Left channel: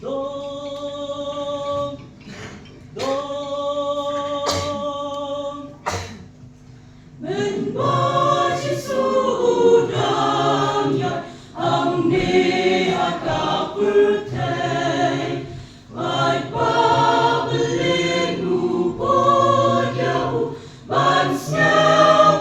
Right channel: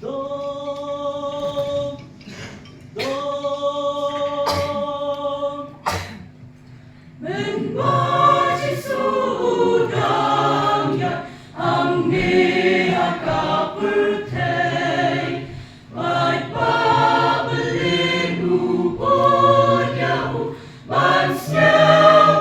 Dom, dom, menbaci sudangnya angnia kapurtai baik babelinu bonyau bansnya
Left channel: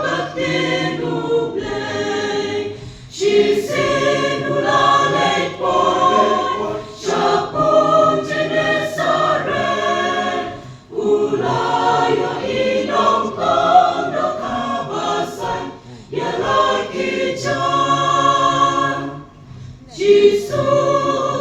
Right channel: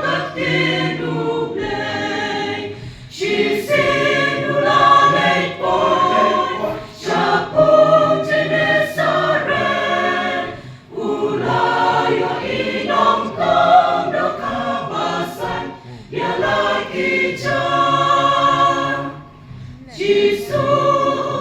katinu blay shisinu lalai poi syapung jenesaren ulayo inong kondo kabasan ya lagi jam Jisu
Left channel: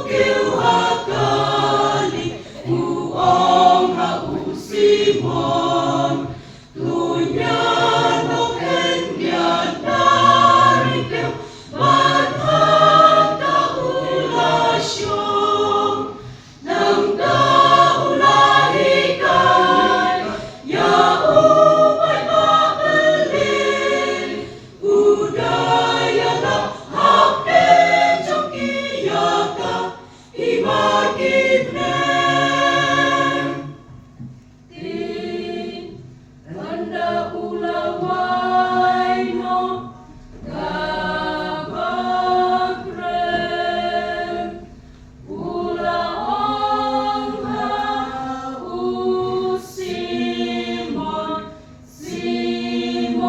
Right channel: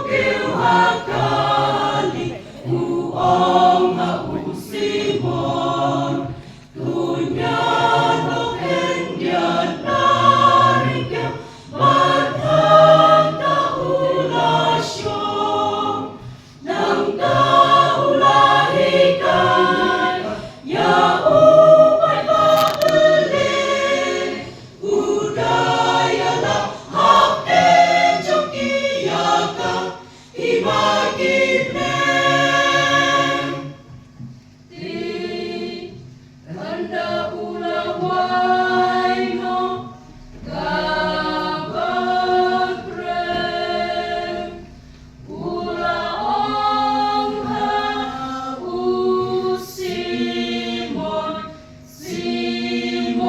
keu hakali uong hausimon tunyano kendian narikeu madhanta ulasyong nang kaulahikan ya upay babelin budaya haken jong iyaka imagibnen ti tanda ulaway no kabagrem ulaong hausimon Simon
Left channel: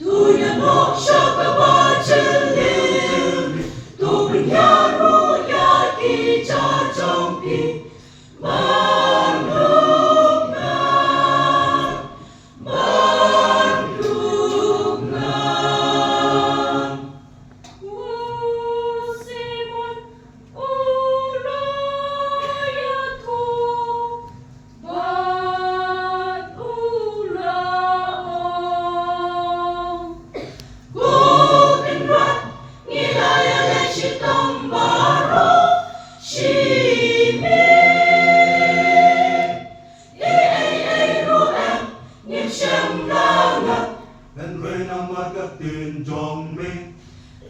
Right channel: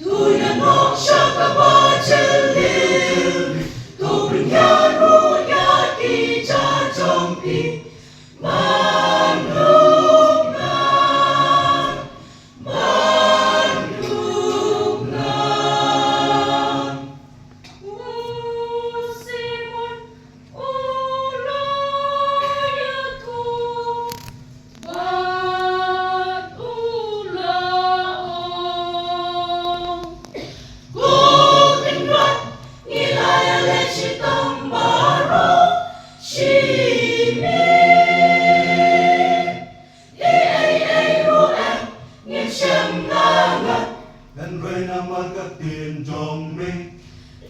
tuyan mo siya kabajelili tuwing yaro yaki jajompi manugnan Simon ulayatu batulaong Kutingrat ngilayalay sitong baro Shimi Iay ruem ngim siyang langat Dan rin ang magatin jong ming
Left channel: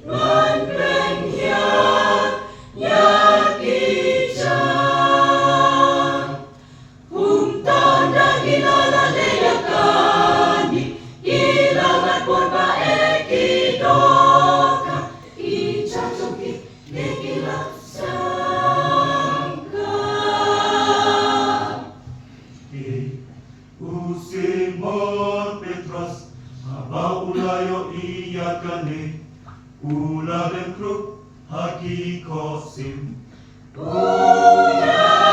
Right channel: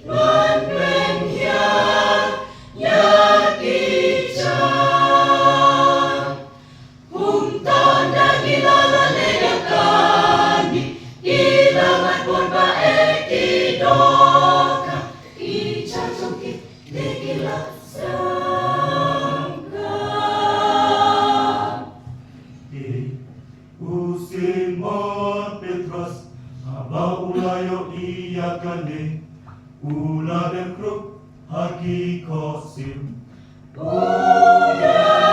Nuan ren hiyan yaki jang Humta na gilalaleyakani Ilangan pun bae kidoka Ijajong kikilaksangka Usimon Petros Aba ulayo iyakane Ula dan kruk haki kosim Udah